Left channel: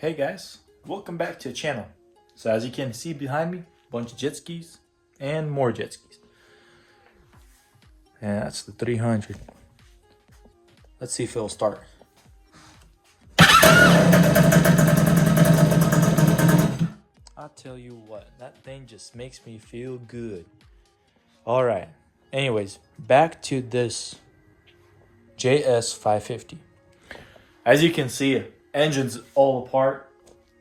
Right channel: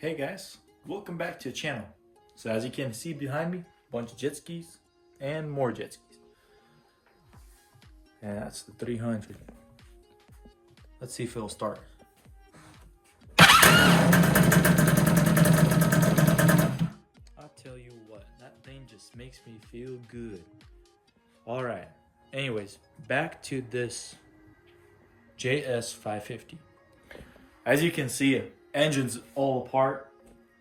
Hey guys, welcome back to the channel. So as you can see behind me, a bunch of jet skis and more jet skis. And that's the 300. Let's see if it'll start. I tell you what, that thing just makes me feel good. All right. Anyways, back to this Js550. As you can see, engine's all apart,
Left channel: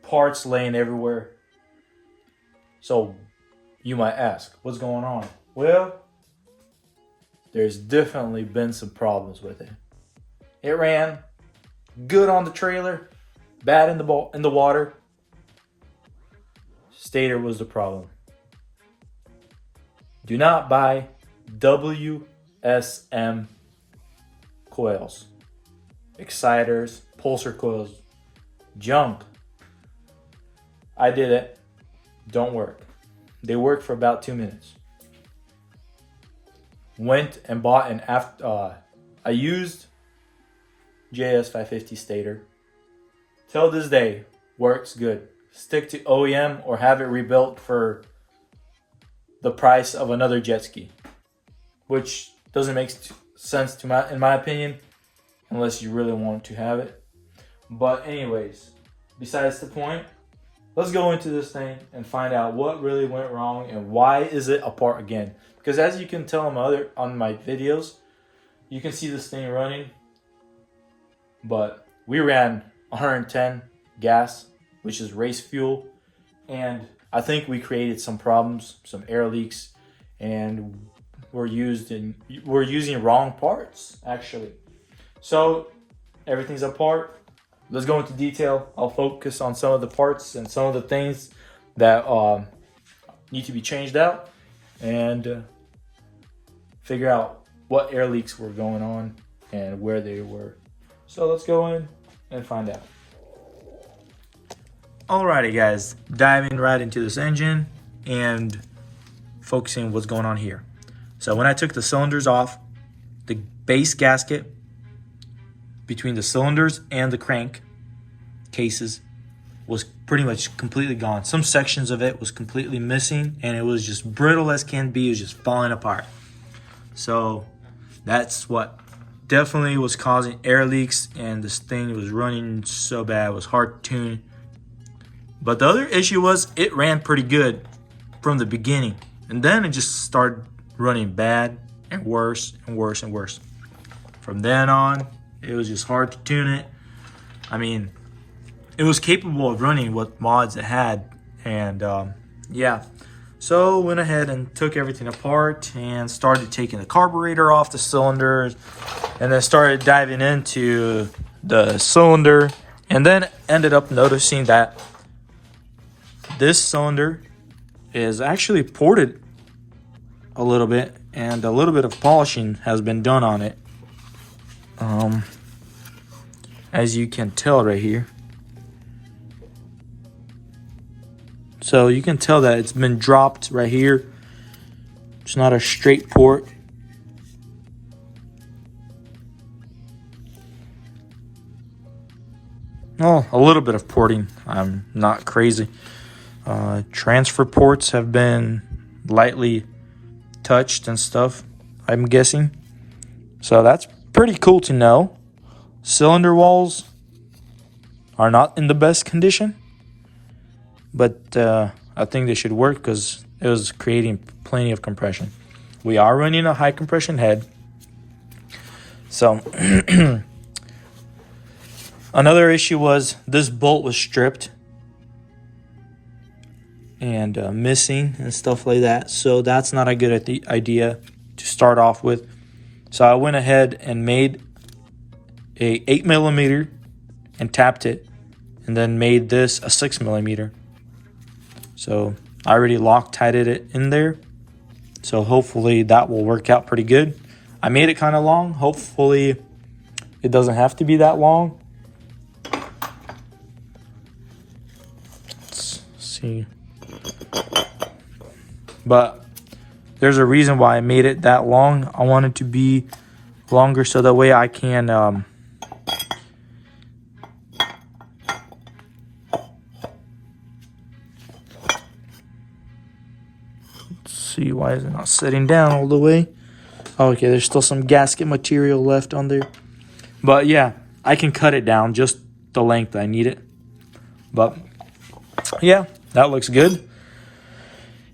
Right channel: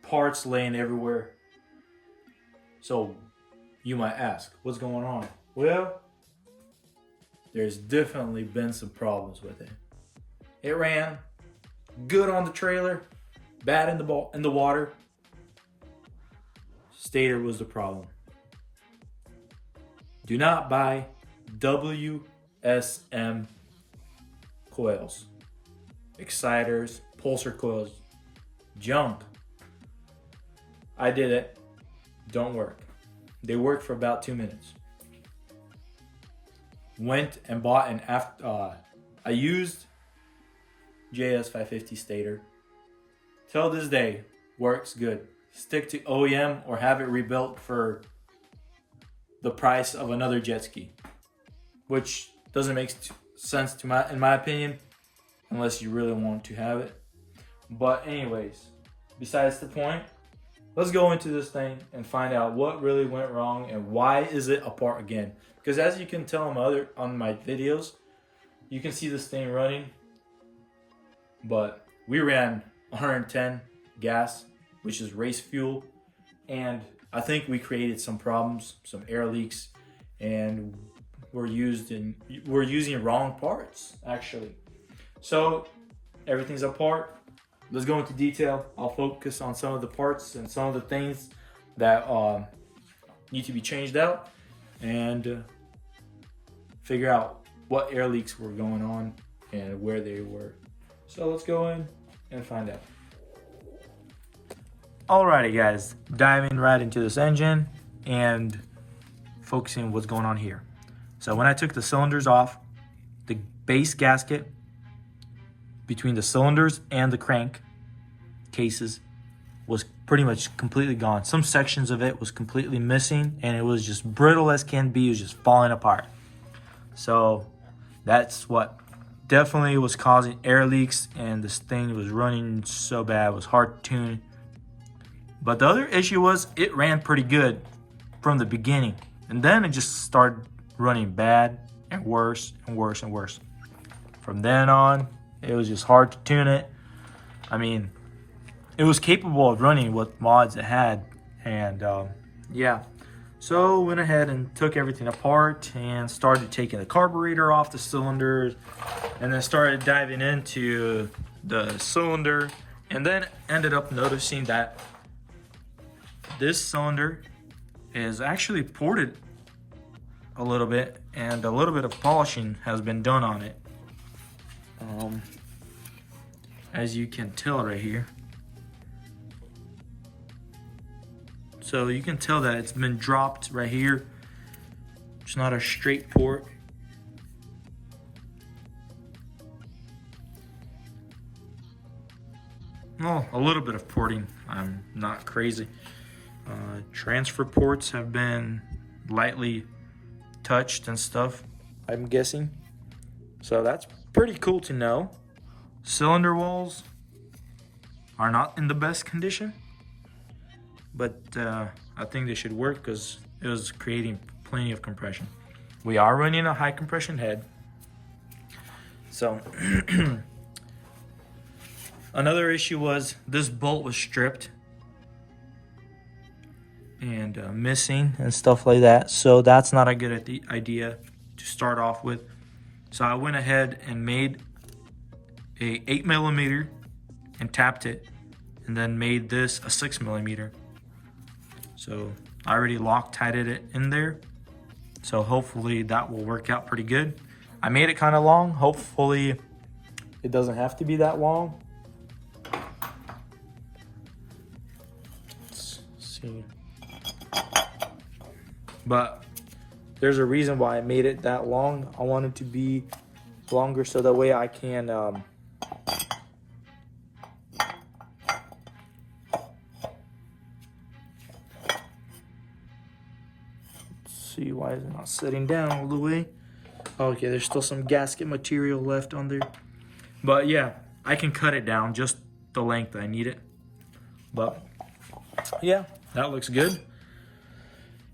parts laying everywhere. So you might ask, what's going on? Well, there's definitely been some problems with it. It ran good on the trailer, bad in the water. Stator was the problem. Do not buy WSM coils, exciters, pulsar coils, junk. I did it. Don't work. They worked for about 2 minutes. Went and bought an I used Js550 stator. Till this day, works good. Stick to OEM or have it rebuilt for the price of another jet ski, which doesn't make sense in my opinion, unless you really want to have it. But anyways, besides the point, let's go into this thing and find out what really went wrong and why is it apart again. Because as you can tell on my videos, you can see this thing running, but we ran 110 gas, which is race fuel, and I think we created some problems, some air leaks, and we're using wrong parts actually. So everything's apart. Let's go into detail. I'll focus on some of the parts and some of the things that need to be changed out, and figure out what air leaks were going on and where they were. So let's go in and find out. Alrighty guys, diving right into this engine and focusing what's going on here. So when I took the cylinders off, the base gasket between the cylinders and the crank cases was pretty much completely gone. Some sections of it was completely missing, and it was just brittle as can be. It was just falling apart. So that's what definitely was causing air leaks, and this thing was running so bad. It was hard to tune. But the other issue was it ran pretty good from the beginning, and then it just started running bad and worse and worse and worse. From then on, it was just hard to tune it. I mean, it was capable of running what mods it had, and yeah. So went ahead and took everything apart and started taking the carburetor off the cylinders, and then started diving into the cylinder, and then ended up noticing that this cylinder is actually ported a little bit, and a little bit of polishing has been done on it. As you can tell right here. So you can tell that it's been dropped right here. It's not a straight port. Oh, a little bit of porting. I'm not crazy. Transfer ports have been lightly touched and stuff, I'm guessing. So that's pretty cool to know. Cylinder walls are not in the best condition, but I think they should work because it was creating plenty of compression. We are running a high compression head. So another issue was this bolt was stripped and missing and stuff like that. So that's not a good idea to start off with. So I went ahead and made a 8mm and tapped it, and then made this a 6mm. So I already Loctited it in there. So hopefully that will work out pretty good. I made it kind of long. Hopefully it doesn't have to be that long. Let's see. But there's a reason why I made it that long. I want it to be longer so that way I can see, why is it not sitting down all the way? Okay, there's still some gasket material left on there. But yeah, I can cut it down just the length I need it. But yeah, that looks good.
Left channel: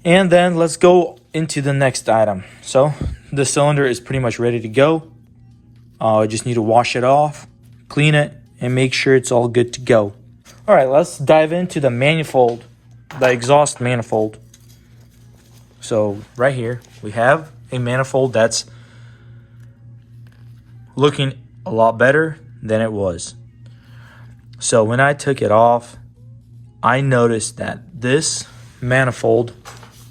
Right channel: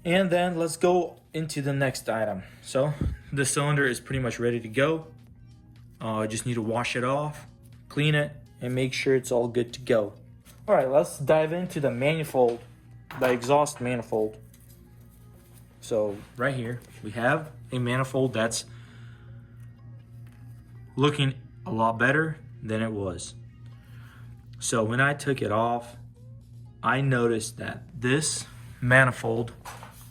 And then let's go into the next item. So the cylinder is pretty much ready to go. I just need to wash it off, clean it, and make sure it's all good to go. All right, let's dive into the manifold, the exhaust manifold. So right here, we have a manifold that's looking a lot better than it was. So when I took it off, I noticed that this manifold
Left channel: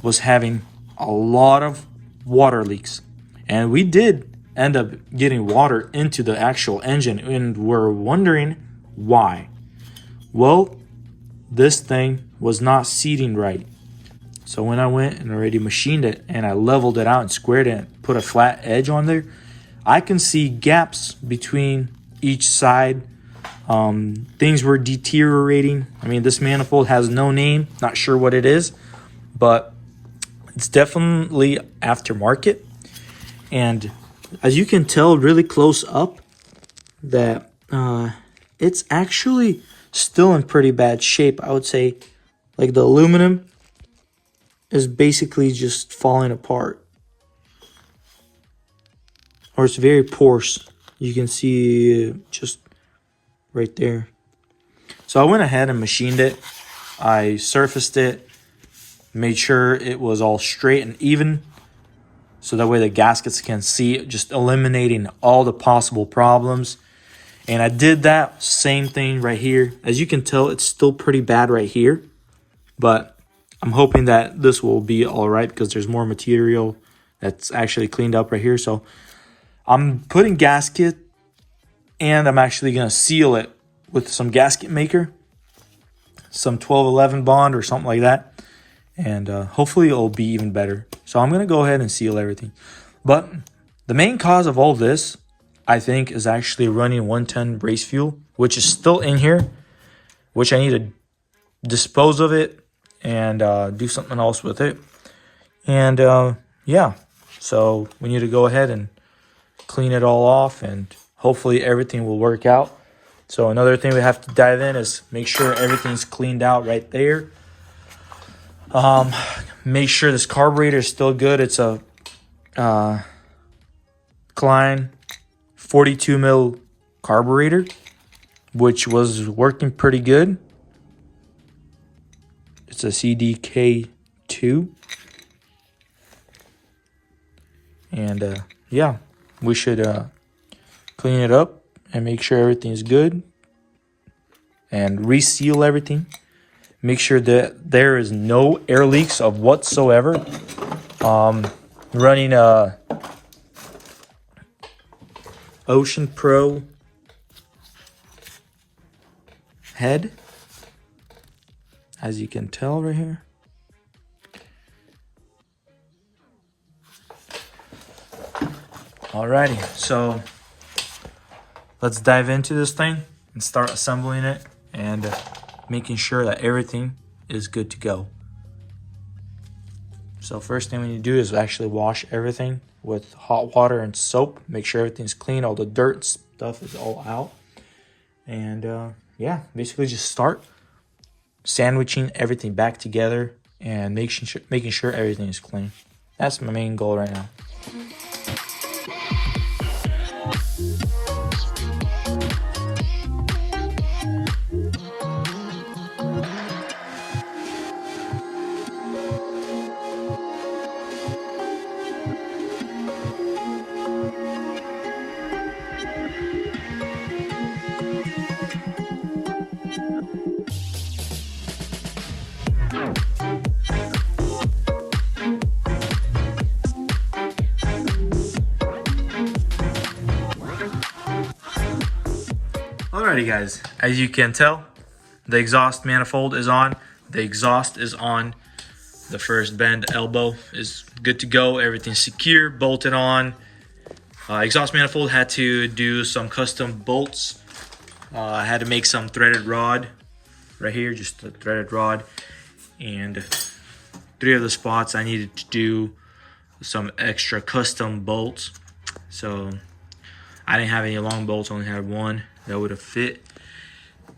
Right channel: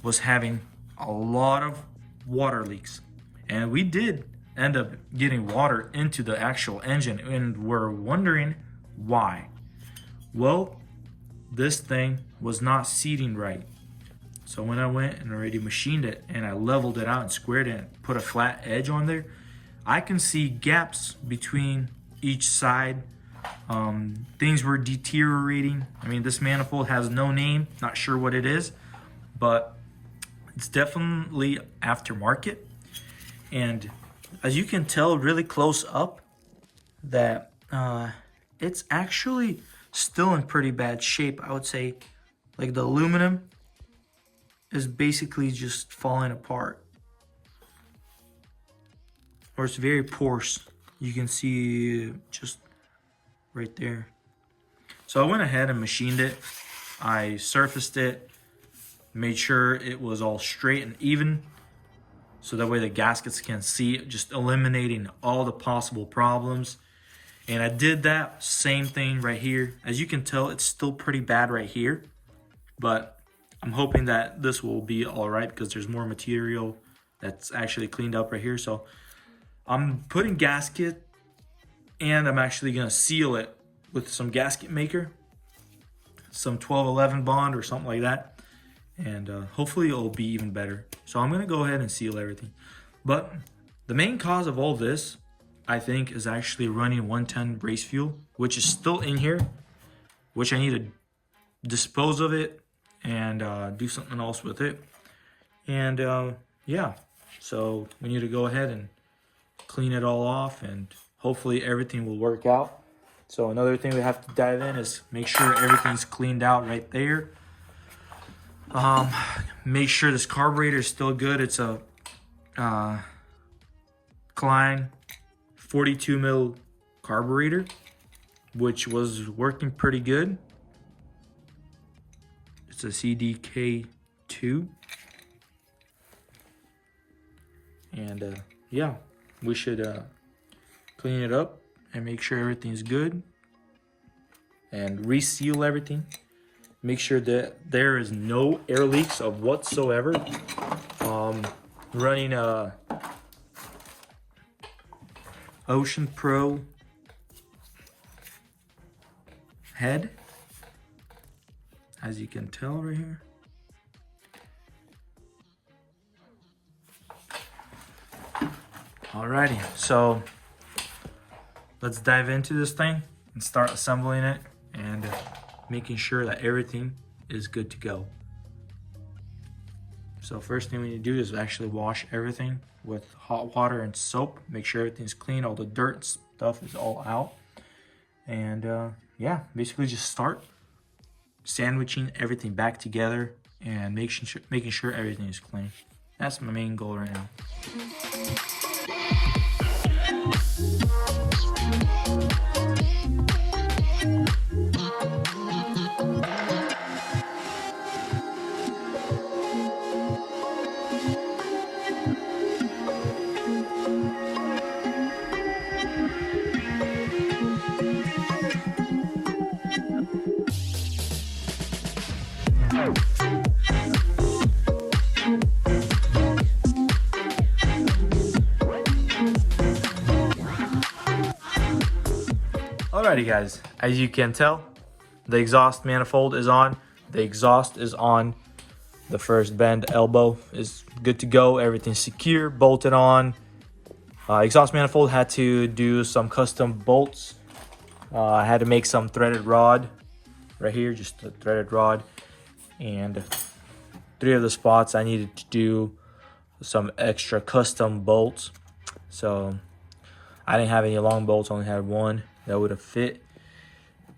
was having a lot of water leaks. And we did end up getting water into the actual engine, and we're wondering why. Well, this thing was not seating right. So when I went and already machined it and I leveled it out and squared it and put a flat edge on there, I can see gaps between each side. Things were deteriorating. I mean, this manifold has no name, not sure what it is, but it's definitely aftermarket. And as you can tell really close up, that it's actually still in pretty bad shape. I would say like the aluminum is basically just falling apart, or it's very porous. You can see just right there. So I went ahead and machined it. I surfaced it, made sure it was all straight and even, so that way the gaskets can see it, just eliminating all the possible problems. And I did that same thing right here. As you can tell, it's still pretty bad right here, but I'm hoping that this will be all right because there's more material that's actually cleaned up right here. So I'm putting gasket, and I'm actually going to seal it with some gasket maker, some 1211 bond or something like that. And hopefully it'll be even better. So I'm going to go ahead and seal everything. But the main cause of all this, I think, is actually running 110 race fuel, which is still in here, which I need to dispose of it and do something else with it. And yeah, so we need to go ahead and clean it all off, and hopefully everything will work out. So another thing we have to dive in is make sure everything's cleaned out right there. Make sure this carburetor is still good. It's a Klein 42 mil carburetor, which was working pretty good. It's a CDK2. And yeah, we should clean it up and make sure everything's good and reseal everything. Make sure that there is no air leaks of whatsoever. Running a Ocean Pro head, as you can tell right here. Alrighty, so let's dive into this thing and start assembling it and making sure that everything is good to go. So first thing we need to do is actually wash everything with hot water and soap. Make sure everything's clean, all the dirt stuff is all out. And yeah, basically just start sandwiching everything back together and making sure everything is clean. That's my main goal right now. Alrighty guys, as you can tell, the exhaust manifold is on. The exhaust is on. The first bend elbow is good to go. Everything's secure, bolted on. Exhaust manifold had to do some custom bolts. I had to make some threaded rod right here, just a threaded rod. And 3 of the spots I needed to do some extra custom bolts. So I didn't have any long bolts, only had one that would have fit.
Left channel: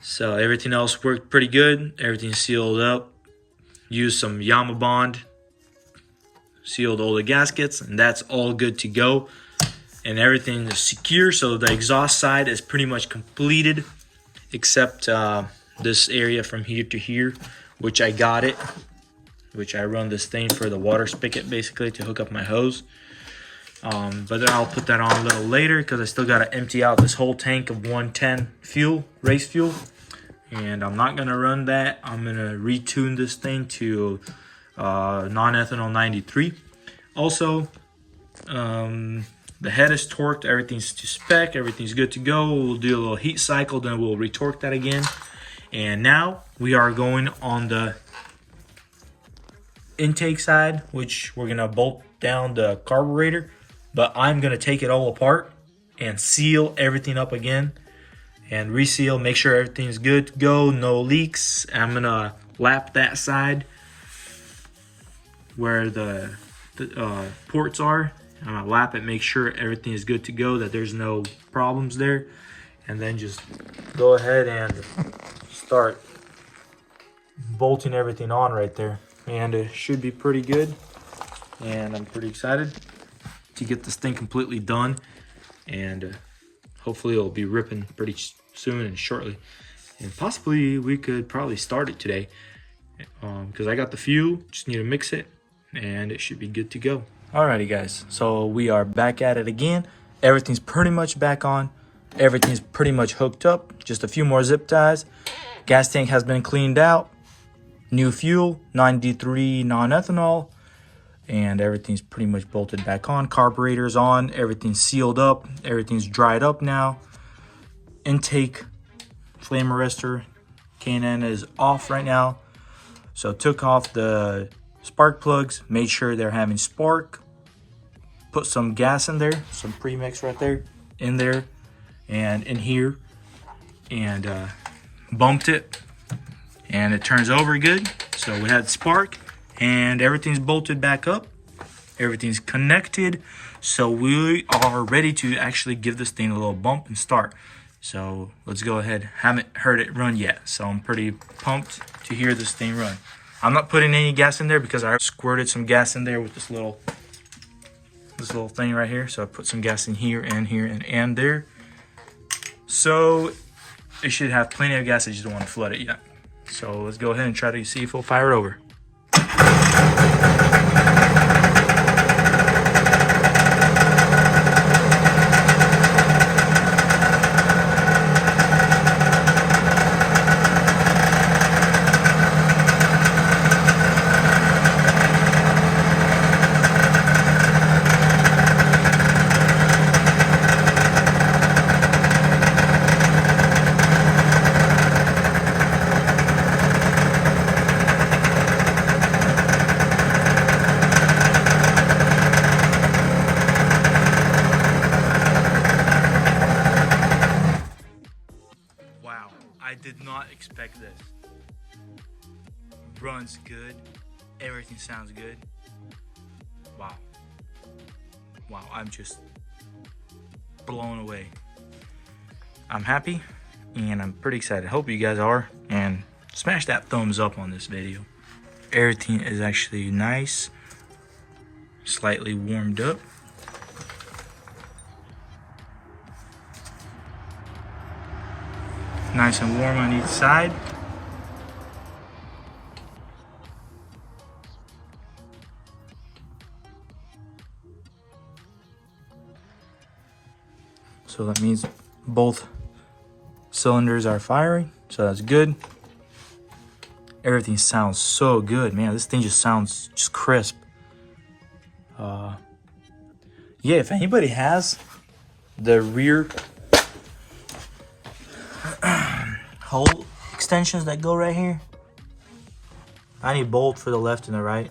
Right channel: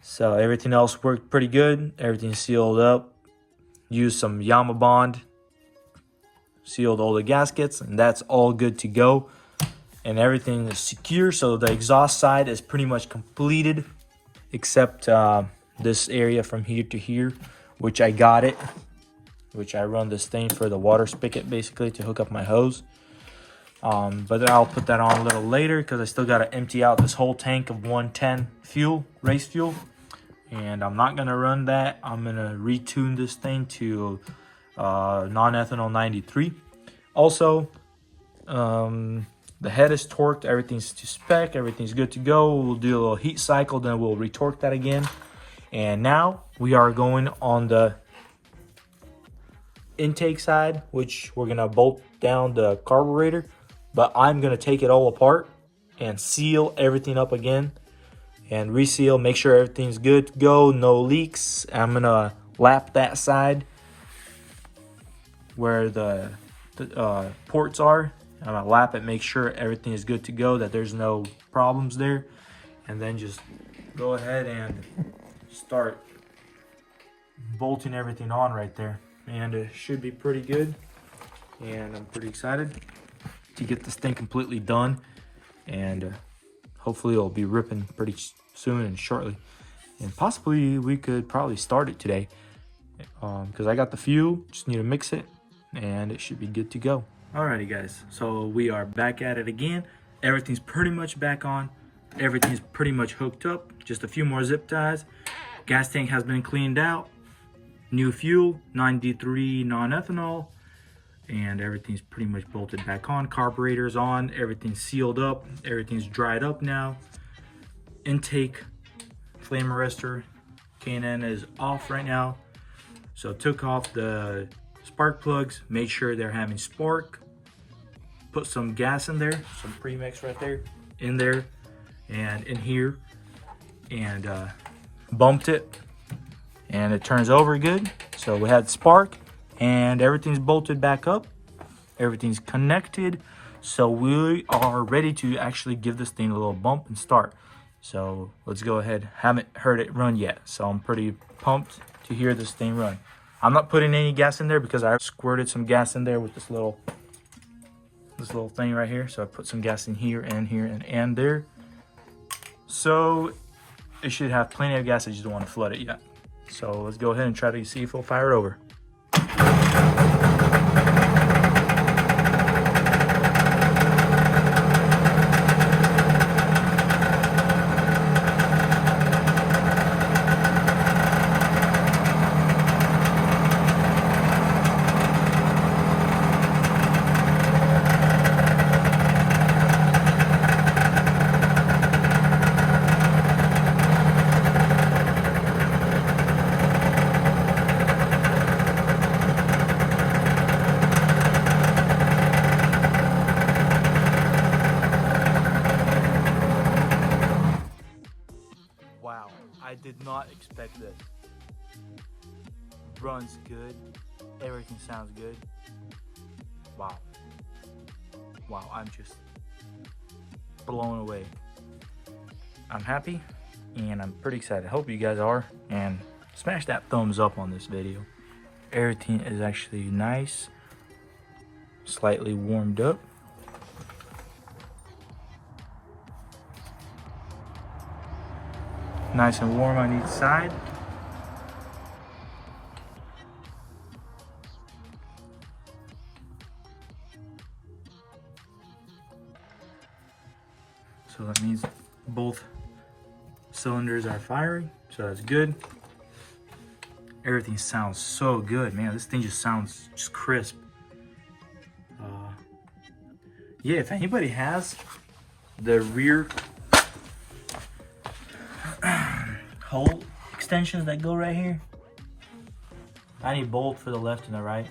So everything else worked pretty good. Everything's sealed up. Used some Yama Bond, sealed all the gaskets, and that's all good to go. And everything is secure, so the exhaust side is pretty much completed, except this area from here to here, which I got it, which I run this thing for the water spigot basically to hook up my hose. But I'll put that on a little later because I still got to empty out this whole tank of 110 fuel, race fuel. And I'm not going to run that. I'm going to retune this thing to non-ethanol 93. Also, the head is torqued. Everything's to spec. Everything's good to go. We'll do a little heat cycle, then we'll retorque that again. And now we are going on the intake side, which we're going to bolt down the carburetor. But I'm going to take it all apart and seal everything up again. And reseal, make sure everything's good to go, no leaks. I'm going to lap that side where the ports are. I'm going to lap it, make sure everything is good to go, that there's no problems there. And then just go ahead and start bolting everything on right there. And it should be pretty good. And I'm pretty excited to get this thing completely done. And hopefully it'll be ripping pretty soon and shortly. And possibly we could probably start it today. Because I got the fuel, just need to mix it. And it should be good to go. Alrighty guys, so we are back at it again. Everything's pretty much back on. Everything's pretty much hooked up. Just a few more zip ties. Gas tank has been cleaned out. New fuel, 93 non-ethanol. And everything's pretty much bolted back on. Carburetor's on. Everything's sealed up. Everything's dried up now. Intake flame arrestor K&N is off right now. So took off the spark plugs. Made sure they're having spark. Put some gas in there. Some premix right there. In there. And in here. And bumped it. And it turns over good. So we had spark. And everything's bolted back up. Everything's connected. So we are ready to actually give this thing a little bump and start. So let's go ahead. Haven't heard it run yet. So I'm pretty pumped to hear this thing run. I'm not putting any gas in there because I squirted some gas in there with this little thing right here. So I put some gas in here and there. So it should have plenty of gas. I just don't want to flood it yet. So let's go ahead and try to see if we'll fire it over. Wow, I did not expect this. Runs good. Everything sounds good. Wow. Wow, I'm just blown away. I'm happy and I'm pretty excited. Hope you guys are. And smash that thumbs up on this video. Everything is actually nice. Slightly warmed up. Nice and warm on each side. So that means both cylinders are firing, so that's good. Everything sounds so good, man. This thing just sounds just crisp. Yeah, if anybody has the rear hole extensions that go right here, I need bolt for the left and the right,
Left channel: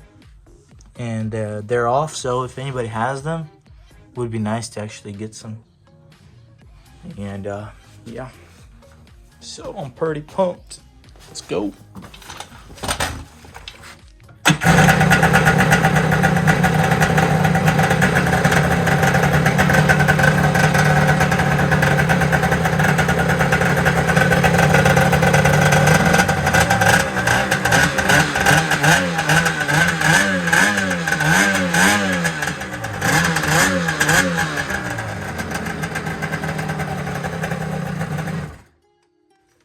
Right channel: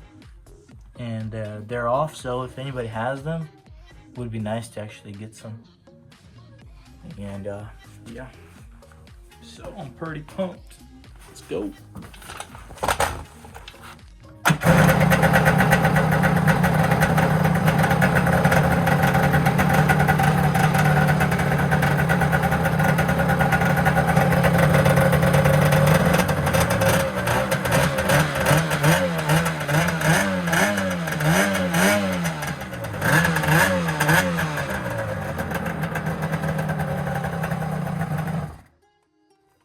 and they're off, so if anybody has them, it would be nice to actually get some. And yeah, so I'm pretty pumped. Let's go.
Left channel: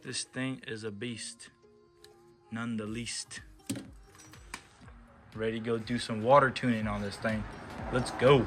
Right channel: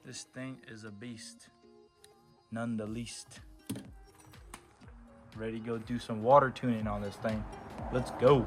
This thing is a beast, none the least. Ready to go do some water tuning on this thing. Let's go.